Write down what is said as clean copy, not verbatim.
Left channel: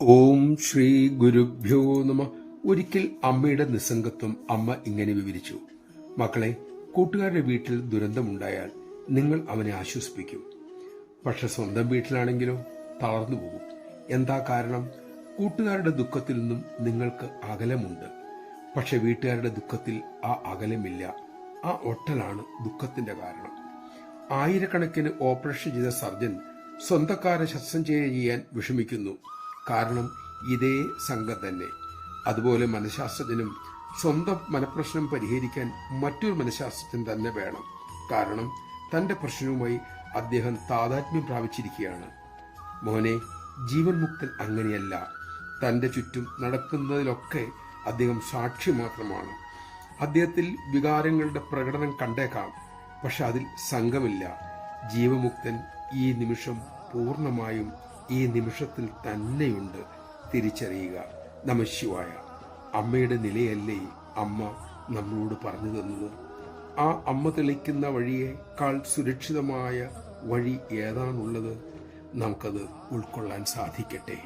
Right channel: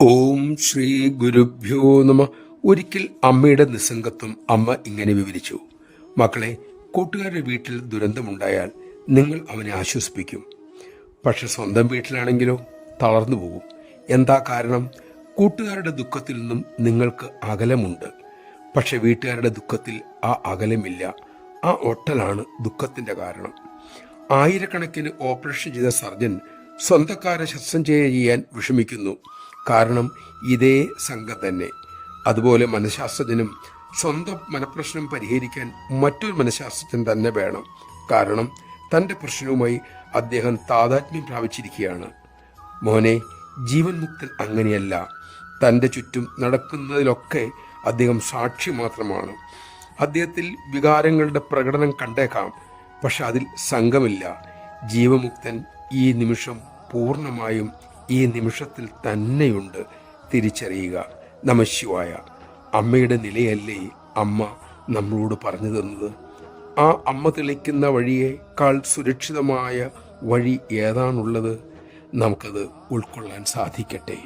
ഓം ശ്രീ ഗുരുഭ്യോ നമ. ഒരിക്കൽ അമ്മയുടെ നിസ്സംഗത്വം അമ്മ ഇങ്ങനെ വിവരിച്ചു: മക്കളെ, കൂട്ടുകാരുടെ വീട്ടിൽ ദുരന്തമുണ്ടായാൽ നിങ്ങൾ അവനെ ആശ്വസിപ്പിക്കും. പക്ഷെ സ്വന്തം വീട്ടിലാണെങ്കിലോ തളർന്നു പോകും. എന്താ കാരണം? കൂട്ടുകാരുടെ ദുഃഖത്തിൽ നിന്നും നിങ്ങൾക്ക് അകലമുണ്ട്. പക്ഷെ വീട്ടുകാരുടെ ദുഃഖത്തിൽ ആ അകലമില്ല. ആ ഒട്ടലാണ് ദുഃഖത്തിന്റെ കാരണം. ആയിരക്കണക്കിന് ഓപ്പറേഷൻ ചെയ്ത സർജൻ സ്വന്തക്കാരെ ശസ്ത്രക്രിയ ചെയ്യാൻ വിഷമിക്കുന്നു. കാരണം ഇതേ സംഘം തന്നെ. അതുപോലെ മനഃശാസ്ത്രജ്ഞനും സ്വന്തം മനഃപ്രശ്നം പരിഹരിക്കാൻ മറ്റൊരു മനഃശാസ്ത്രജ്ഞൻ തന്നെ വേണം. കാരണം തൻ്റെ പ്രശ്നവുമായി അദ്ദേഹം താതാത്മ്യം പ്രാപിച്ചിരിക്കുകയാണ്. മോനെ, ജീവൻ മുക്തൻ അങ്ങനെയല്ല. തൻ്റെ ചുറ്റും നടക്കുന്നതിലൊക്കെ അദ്ദേഹം സാക്ഷി മാത്രമാണ്. അദ്ദേഹത്തിൽ വികാരങ്ങളുടെ പ്രകടനം കണ്ടേക്കാം, പക്ഷെ അതിൽ സംഘമില്ല. ജീവമുക്തൻ ഈ നിമിഷം പൂർണ്ണമായും ഈ നിമിഷത്തിൽ തന്നെയുണ്ട്. തിരിച്ചറിയുക. നമഃശിവായ. അമ്മയുടെ നിലയല്ലേ അമ്മ നമ്മളോട് പറഞ്ഞു തന്നത്? ആ അമ്മ തെളിക്കുന്ന വഴിയേക്കാൾ സുരക്ഷിതമായ വഴി ഏതാണുള്ളത്? നമുക്കത് ഉൾക്കൊള്ളാൻ സാധിക്കട്ടെ.